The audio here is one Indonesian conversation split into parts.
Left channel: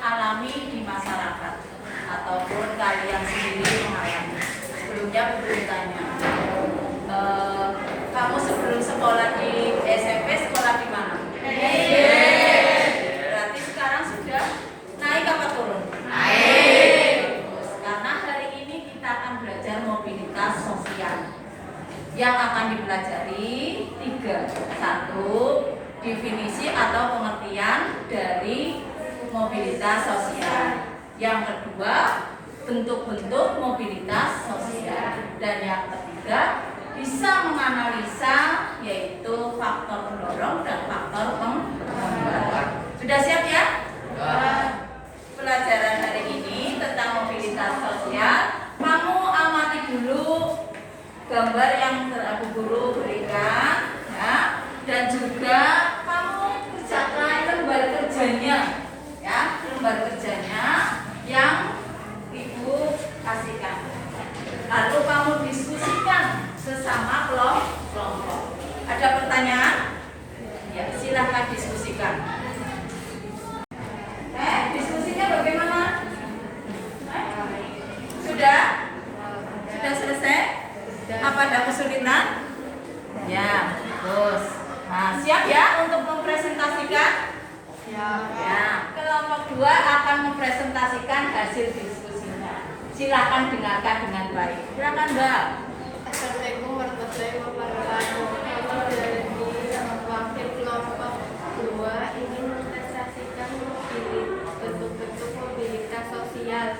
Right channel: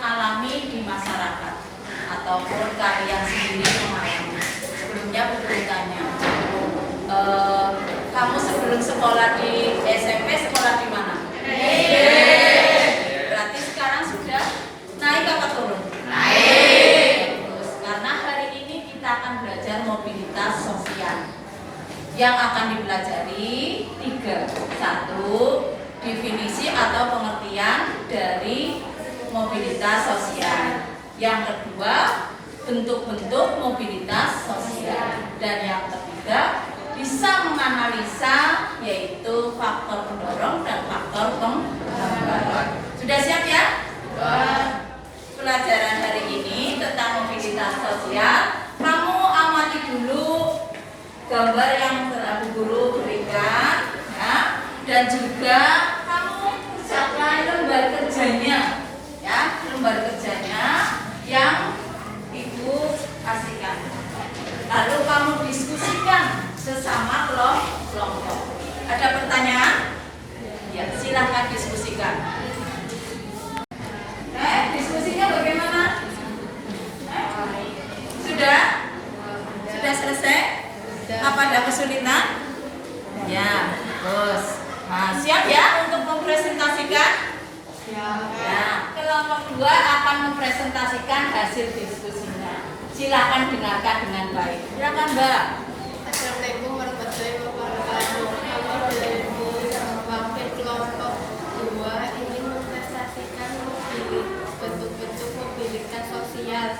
alami di masyarakat ataupun kalian sendiri mengalami. Sebelumnya bertanya, kamu sebelum sekolah di SMP sekolah di mana? Berarti sekarang sudah naik apa turun? Naik. Karena hari ini kita akan belajar mobilitas sosial. Yang akan dipelajari 3. 1. Definisi atau pengertian dari mobilitas sosial. Yang kedua, bentuk-bentuk mobilitas sosial. Dan yang ketiga, bisa menganalisa yaitu faktor pendorong dan faktor penghambat. Sudah siap ya? Pelajaran hari ini tentang mobilitas sosial. Kamu amati dulu gambar yang Bu Guru berikan, ya, dan juga kamu kerjakan lembar kerjanya, ya, lembar kerjanya yang Ibu kasihkan. Lalu kamu diskusikan sesama kelompok. Ada pertanyaan? Ya, silahkan diskusikan. Diskusinya bagaimana? Sudah? Sudah selesai? Apa ada kesulitan? Ya, terus. Nah, siap ya untuk mempresentasikan? Ya. Kelompok 2 akan mempresentasikan hasil diskusinya. Silakan dengarkan dengan baik. Silakan, Mbak. Assalamualaikum warahmatullahi wabarakatuh. Kami dari wakil kelompok 2 ingin mempresentasikan bentuk-bentuk mobilitas sosial.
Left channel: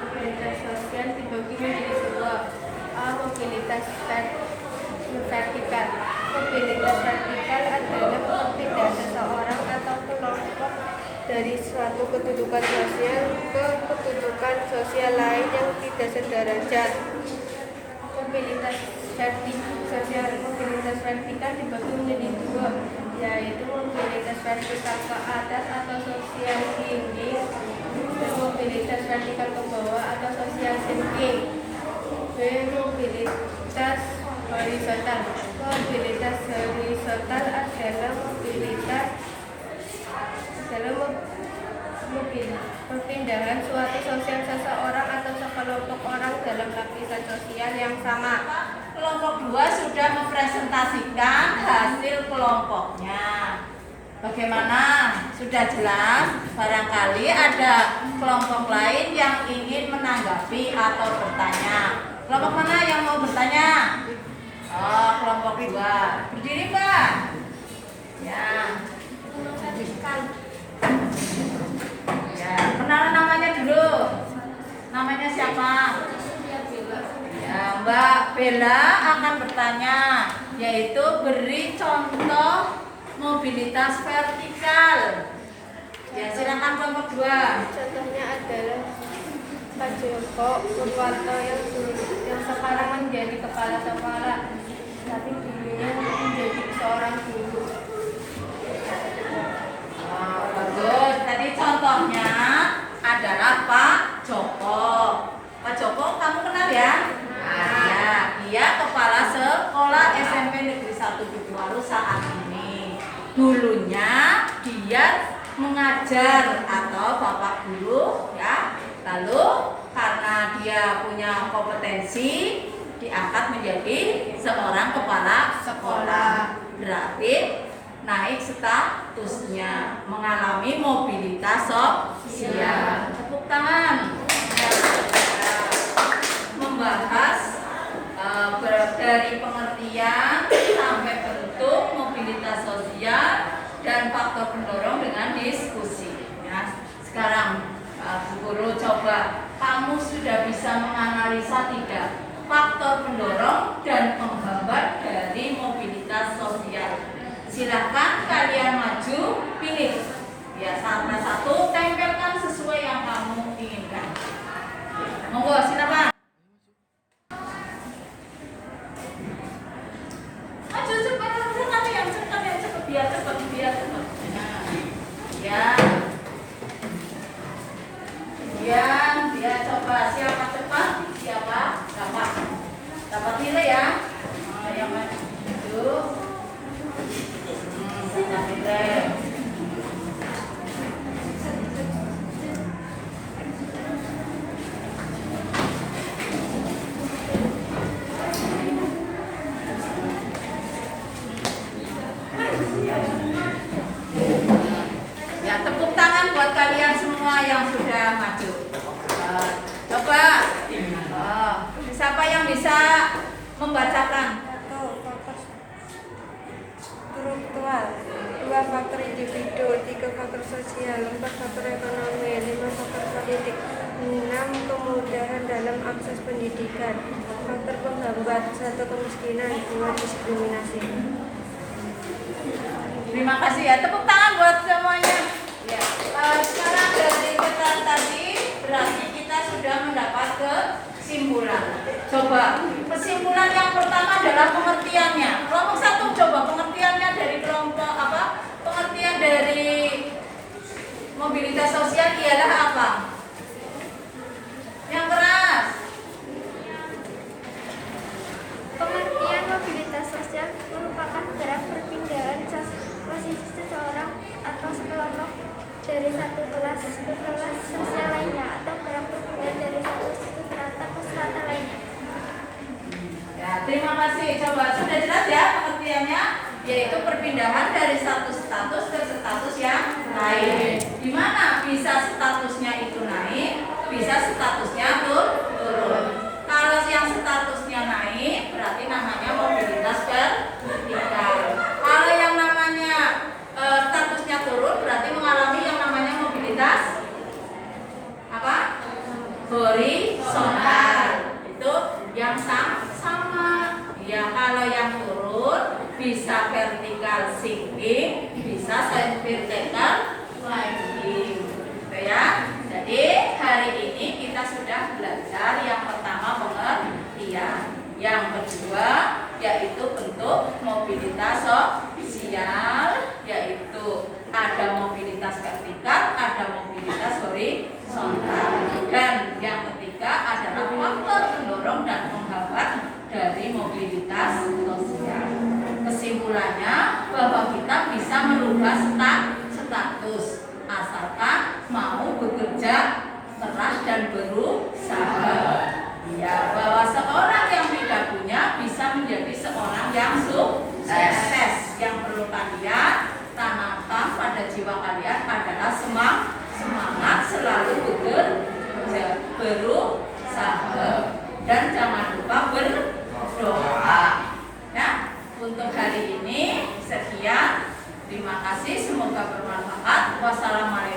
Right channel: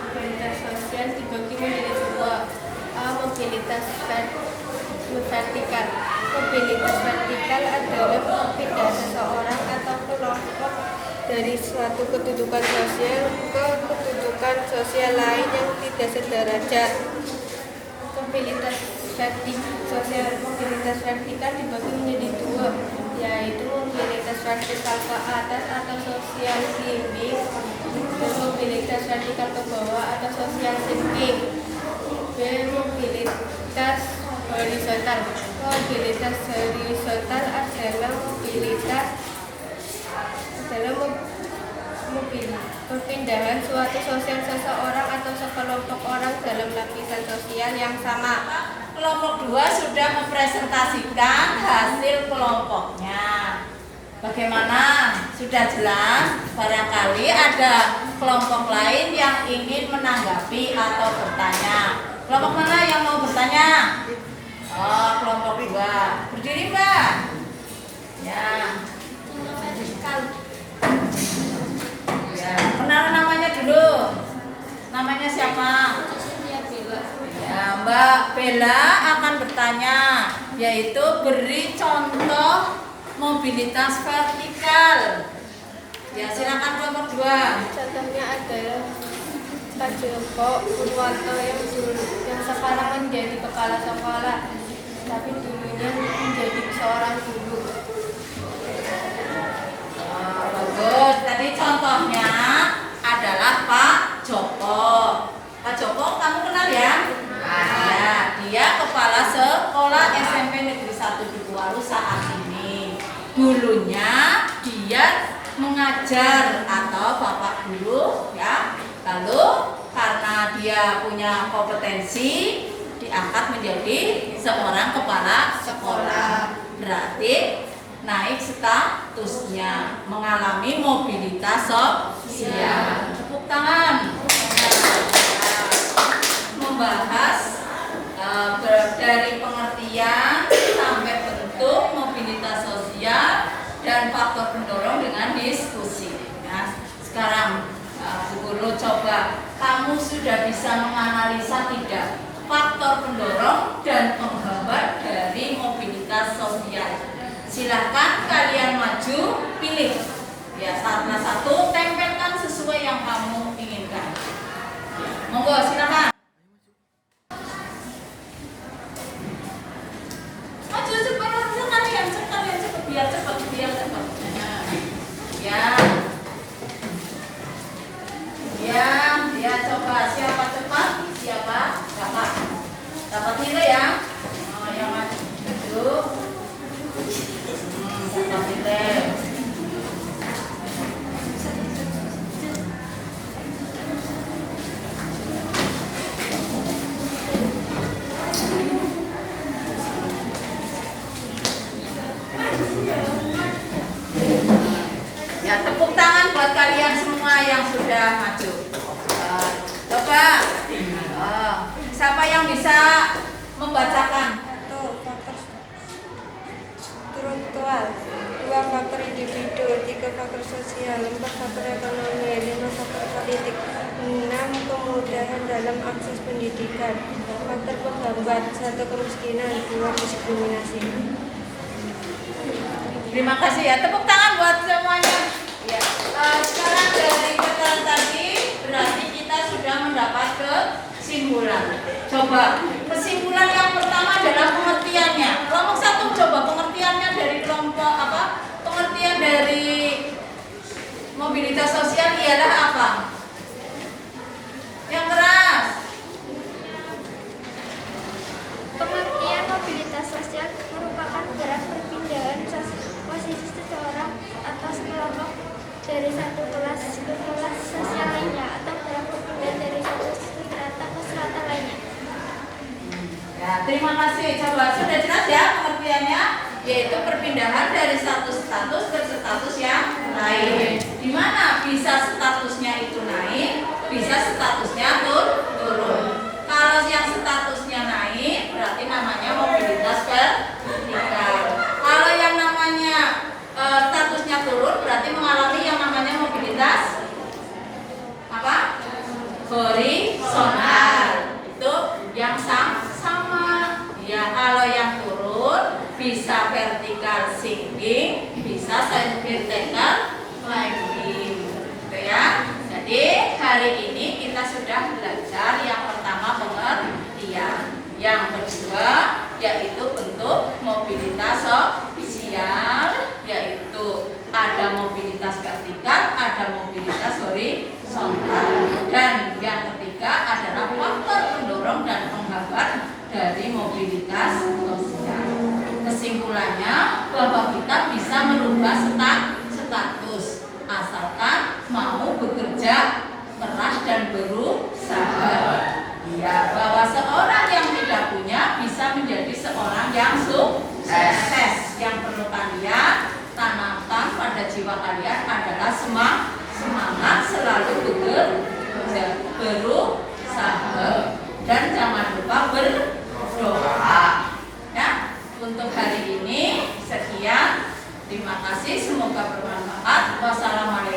Mobilitas sosial dibagi menjadi 2. Mobilitas vertikal. Mobilitas vertikal adalah perpindahan seseorang atau kelompok dari suatu kedudukan sosial ke kedudukan sosial lain yang tidak sederajat. Mobilitas vertikal dibagi menjadi 2, yaitu mobilitas vertikal ke atas atau social climbing dan mobilitas vertikal ke bawah atau social sinking. B. Mobilitas horizontal. Mobilitas horizontal adalah perpindahan suatu sosial seseorang atau sekelompok orang dalam lapisan sosial yang sama. Kelompok 2 sudah mempresentasikan hasil kelompoknya. Bagaimana? Sudah jelas? Barangkali ada kelompok lain yang ingin menanggapi atau bertanya. Kelompok mana yang mau bertanya? Oh, kelompok 2. Berdiri, Mbak. Ya. Ya, kenalan namanya dulu. Namanya siapa? Ya, Mbak Bella akan bertanya, yaitu beri contoh mobilitas vertikal. Ya, silakan kelompok 2. Contohnya adalah Pak Joko Purwanto yang sekarang menjadi kepala sekolah, tapi dulunya menjadi seorang guru. Bagus. Tadi contohnya adalah Pak Joko. Pak Joko kamu kenal ya? Ya, dia kepala sekolah SMP Negeri 1 di Kualu saat ini. Dulunya dia mengajar atau bapak guru, ya. Lalu karena dia punya kompetensi diangkat menjadi seorang kepala sekolah. Berarti naik statusnya, mengalami mobilitas sosial. Tepuk tangan. Membahas dari pengertian sampai bentuk mobilitas sosial dan faktor pendorong dengan diskusi. Ya, sekarang Bu Guru coba, kamu sudah bisa menganalisa tidak faktor pendorong dan penghambat dari mobilitas sosial? Silahkan kalian maju, pilih. Ya, satu tempelkan sesuai yang kamu inginkan. Monggo, silakan. Maju cepat, yang cepat, biar cepat. Ya, coba siapa cepat, siapa dapat nilai ya. Yang maju. Dapat nilai. tangan buat kalian semua yang sudah maju. Coba, siapa yang bisa membacakan? 1. Faktor struktural, 2. Faktor individu, 3. Faktor sosial, 4. Faktor ekonomi, 5. Faktor politik, 6. Kemudahan dalam akses pendidikan. Faktor penghambat, 1. Kemiskinan, 2. Diskriminasi. Terima kasih ya, tepuk tangan buat semuanya. Ya. Sekarang dari keterangan tadi berarti kita sudah mendapat kesimpulan. Coba kesimpulan yang pertama adalah pengertiannya. Kelompok 1 coba pengertiannya dari kelompok apa? Pengertian dari mobilitas sosial ialah apa? Yang keras. Pengertian mobilitas sosial merupakan gerak perpindahan posisi seseorang atau sekelompok dari satu kelas ke kelas sosial lainnya atau gerak perpindahan dari satu strata ke strata lainnya. Ya, terima kasih. Coba sudah jelas ya pengertiannya, yaitu perpindahan dari satu status ke status yang lain. Di mana bisa statusnya itu naik, bisa statusnya turun. Kalau yang statusnya naik, berarti namanya mobilitas vertikal. Kalau yang namanya statusnya turun, berarti mengalami yang namanya mobilitas apa? Horizontal. Itu yang sama. Ya, kalau yang turun bisa vertikal sinking, bisa vertikal climbing. Gitu ya. Jadi hari ini kita sudah belajar yang pertama pengertian, yang kedua yaitu bentuk mobilitas sosial, yaitu ada mobilitas vertikal, ada mobilitas horizontal, dan yang ketiga adalah faktor pendorong dan penghambat dari mobilitas sosial. Kesimpulannya bahwa kita bisa merubah status asalkan mau bekerja keras dan berusaha. Ya, bahwa seorang yang tidak punya bisa menjadi seorang yang sukses. Yang perlu kalian tanamkan pada jiwa kalian adalah semangat selalu bekerja, berusaha, dan jangan lupa berdoa. Ya, untuk hari ini sekian. Terima kasih, semoga bermanfaat. Wassalamualaikum.